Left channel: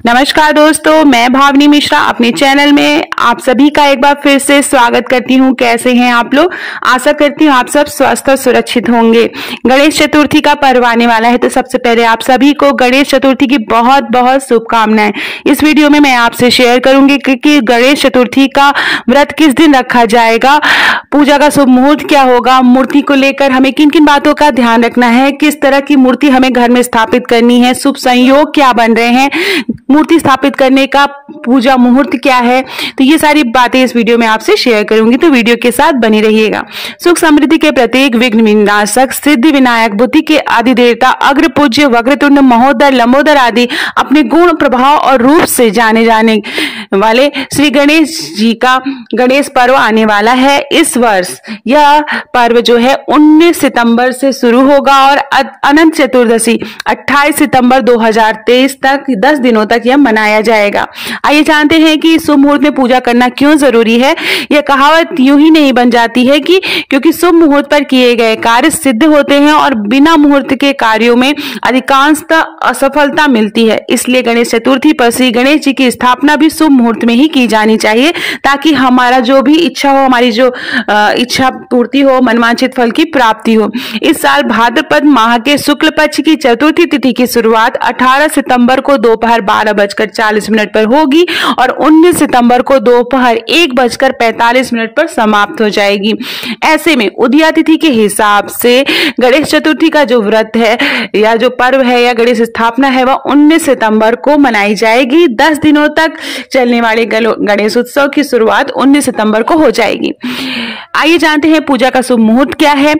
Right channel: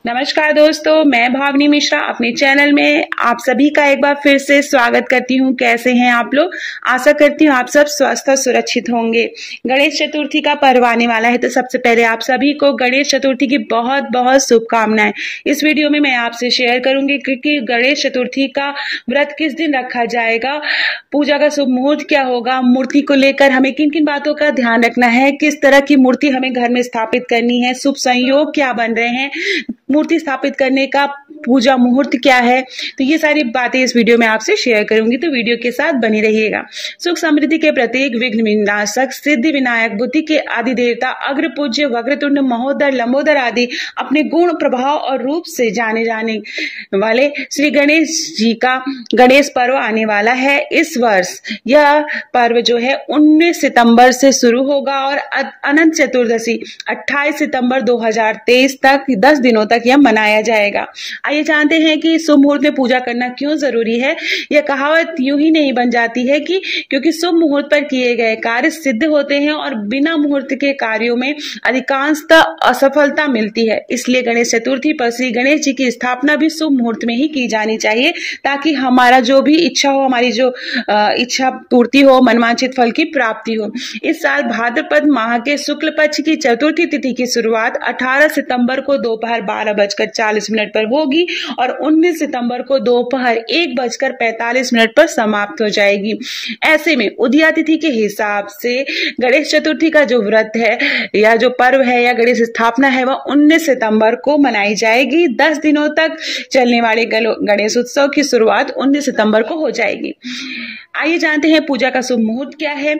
नमस्कार दोस्तों, मैं भावनी मिश्रा अपने चैनल में आप सभी का एक बार फिर से स्वागत करती हूँ। कैसे हैं आप लोग? आशा करती हूँ आप सब स्वस्थ और सुरक्षित होंगे। गणेश चतुर्थी का पर्व आने वाला है, तो सबसे पहले आप सभी को गणेश चतुर्थी की बहुत बहुत शुभकामनाएं। इस वीडियो में मैं आपसे शेयर करूंगी कि गणेश चतुर्थी का व्रत किस दिन रखा जाएगा, पूजा का शुभ मुहूर्त क्या होगा, मूर्ति को लेकर हमें किन किन बातों का ध्यान रखना है, किस तरह की मूर्ति हमें घर में स्थापित करनी है, शुभ संयोग क्या बन रहे हैं, मूर्ति स्थापित करने का पूजा मुहूर्त क्या है। तो ये सारी बातें इस वीडियो में आपसे शेयर करूंगी, तो वीडियो के साथ बनी रहिएगा। सुख समृद्धि के प्रतीक, विघ्न विनाशक, सिद्धि विनायक, बुद्धि के आदि देवता, अग्र पूज्य, वक्रतुंड, महोदर, लंबोदर आदि अपने गुण, प्रभाव और रूप से जाने जाने वाले श्री गणेश जी का गणेश पर्व आने वाला है। इस वर्ष यह पर्व जो है 19 सितंबर से शुरू होगा और अनंत चतुर्दशी 28 सितंबर 2023 तक 10 दिनों तक यह मनाया जाएगा। आइए जानते हैं कि शुभ मुहूर्त में पूजा करना क्यों जरूरी है। यह कहावत यूं ही नहीं बन जाती है कि क्योंकि शुभ मुहूर्त पर किए गए कार्य सिद्ध होते हैं और बिना मुहूर्त के कार्यों में अधिकांशतः असफलता मिलती है। इसलिए गणेश चतुर्थी पर श्री गणेश जी की स्थापना भी शुभ मुहूर्त में ही की जानी चाहिए, ताकि हमारा जो भी इच्छा हो, हमारी जो इच्छा पूर्ति हो, मनवांछित फल की प्राप्ति हो। इस साल भाद्रपद माह के शुक्ल पक्ष की चतुर्थी तिथि की शुरुआत 18 सितंबर को दोपहर 12:40 पर होगी और 19 सितंबर को दोपहर 1:45 पर समाप्त हो जाएगी। ऐसे में उदया तिथि के हिसाब से गणेश चतुर्थी का जो व्रत है या जो पर्व है या गणेश स्थापना है वह 19 सितंबर को मनाई जाएगी। 10 दिनों तक चलने वाले गणेश उत्सव की शुरुआत 19 सितंबर को हो जाएगी। आइए जानते हैं पूजा का शुभ मुहूर्त क्या है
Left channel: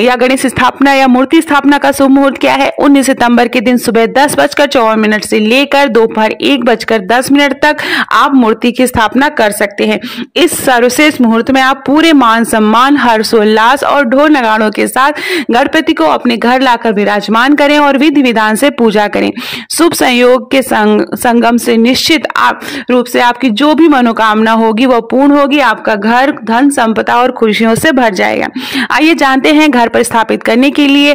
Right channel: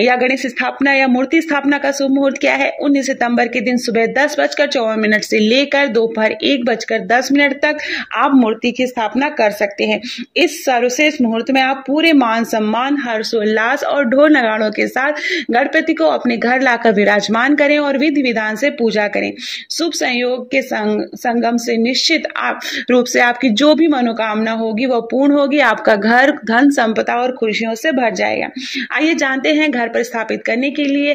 या गणेश स्थापना या मूर्ति स्थापना का शुभ मुहूर्त क्या है। 19 सितंबर के दिन सुबह 10:54 से लेकर दोपहर 1:10 तक आप मूर्ति की स्थापना कर सकते हैं। इस सर्वश्रेष्ठ मुहूर्त में आप पूरे मान सम्मान, हर्षोल्लास और ढोल नगाड़ों के साथ गणपति को अपने घर लाकर विराजमान करें और विधि विधान से पूजा करें। शुभ संयोग के संगम से निश्चित रूप से आपकी जो भी मनोकामना होगी वह पूर्ण होगी। आपका घर धन संपदा और खुशियों से भर जाएगा। आइए जानते हैं घर पर स्थापित करने के लिए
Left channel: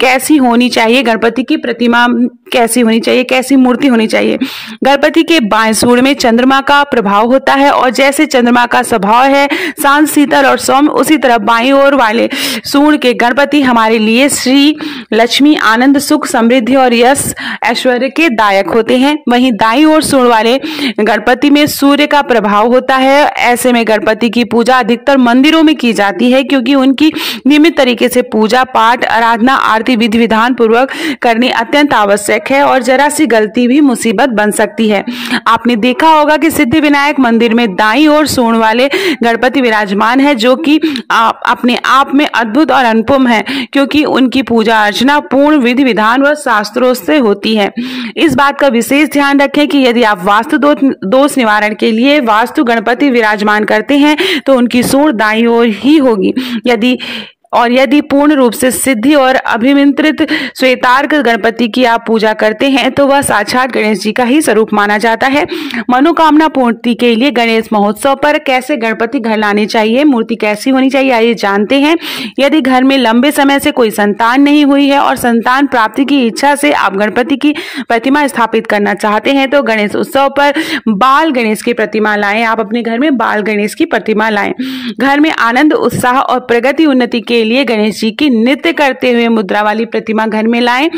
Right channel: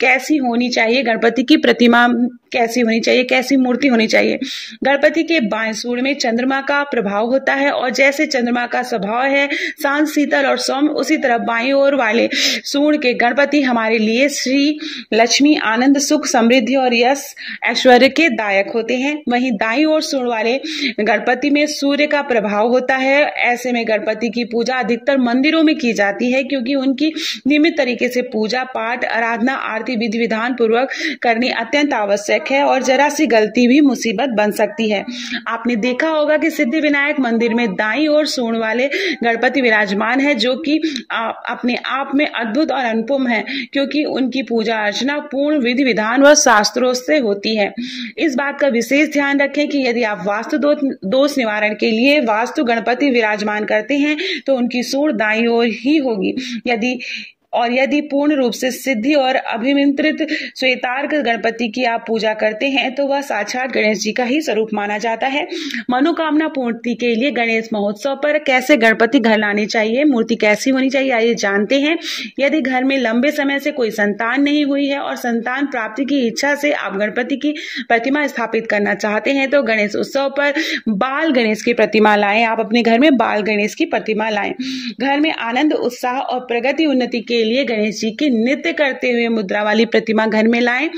कैसी होनी चाहिए गणपति की प्रतिमा, कैसी होनी चाहिए, कैसी मूर्ति होनी चाहिए। गणपति के बाएं सूर्य में चंद्रमा का प्रभाव होता है और जैसे चंद्रमा का स्वभाव है शांत, शीतल और सौम्य, उसी तरह बाईं ओर वाले सूर्य के गणपति हमारे लिए श्री लक्ष्मी, आनंद, सुख, समृद्धि और यश ऐश्वर्य के दायक होते हैं। वहीं दाईं ओर सूर्य वाले गणपति में सूर्य का प्रभाव होता है। ऐसे में गणपति की पूजा अधिकतर मंदिरों में की जाती है, क्योंकि उनकी नियमित तरीके से पूजा पाठ, आराधना, आरती विधि विधान पूर्वक करनी अत्यंत आवश्यक है और जरा सी गलती भी मुसीबत बन सकती है। आपने देखा होगा कि सिद्धि विनायक मंदिर में दाईं ओर सूंड वाले गणपति विराजमान है, जो कि अपने आप में अद्भुत और अनुपम है, क्योंकि उनकी पूजा अर्चना पूर्ण विधि विधान व शास्त्रों से होती है। इस बात का विशेष ध्यान रखें कि यदि आप वास्तु दोष निवारण के लिए वास्तु गणपति विराजमान करते हैं तो उनकी सूंड दाईं ओर ही होगी। यदि पूर्ण रूप से सिद्धि और अभिमंत्रित श्वेतार्क गणपति की आप पूजा करते हैं तो वह साक्षात गणेश जी का ही स्वरूप माना जाता है। मनोकामना पूर्ति के लिए गणेश महोत्सव पर कैसे गणपति घर लाने चाहिए, मूर्ति कैसी होनी चाहिए, आइए जानते हैं। यदि घर में लंबे समय से कोई संतान नहीं हुई है और संतान प्राप्ति की इच्छा से आप गणपति की प्रतिमा स्थापित करना चाहते हैं तो गणेश उत्सव पर बाल गणेश की प्रतिमा लाएं। आप अपने घर में बाल गणेश की प्रतिमा लाएं। घर में आनंद, उत्साह और प्रगति उन्नति के लिए गणेश जी की नृत्य करते हुए मुद्रा वाली प्रतिमा घर में लाएं।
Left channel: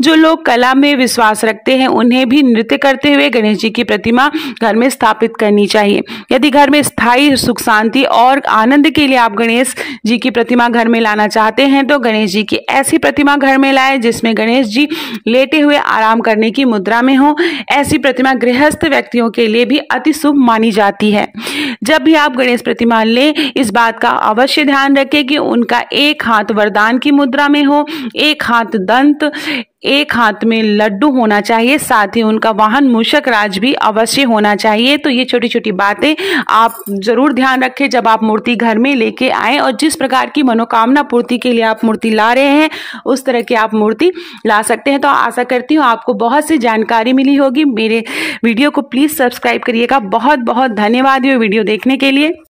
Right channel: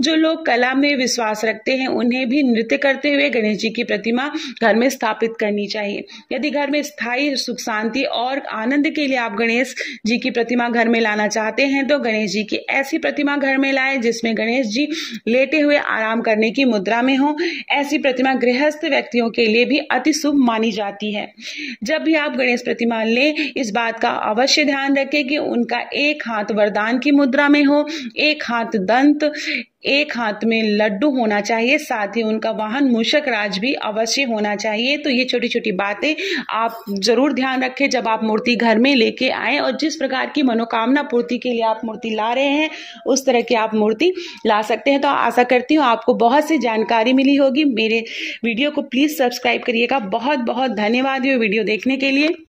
जो लोग कला में विश्वास रखते हैं उन्हें भी नृत्य करते हुए गणेश जी की प्रतिमा घर में स्थापित करनी चाहिए। यदि घर में स्थायी सुख, शांति और आनंद के लिए आप गणेश जी की प्रतिमा घर में लाना चाहते हैं तो गणेश जी की ऐसी प्रतिमा घर में लाएं जिसमें गणेश जी लेटे हुए आराम करने की मुद्रा में हो। ऐसी प्रतिमा गृहस्थ व्यक्तियों के लिए भी अति शुभ मानी जाती है। जब भी आप गणेश प्रतिमा लें, इस बात का अवश्य ध्यान रखें कि उनका एक हाथ वरदान की मुद्रा में हो, एक हाथ दंत, एक हाथ में लड्डू होना चाहिए, साथ ही उनका वाहन मूषक राज भी अवश्य होना चाहिए। तो ये छोटी छोटी बातें आप जरूर ध्यान रखें जब आप मूर्ति घर में लेके आए, और जिस प्रकार की मनोकामना पूर्ति के लिए आप मूर्ति ला रहे हैं उस तरह की आप मूर्ति ला सकते हैं। तो आशा करती हूँ आपको बहुत सी जानकारी मिली होगी। मेरे वीडियो को प्लीज सब्सक्राइब करिएगा। बहुत बहुत धन्यवाद ये वीडियो देखने के लिए।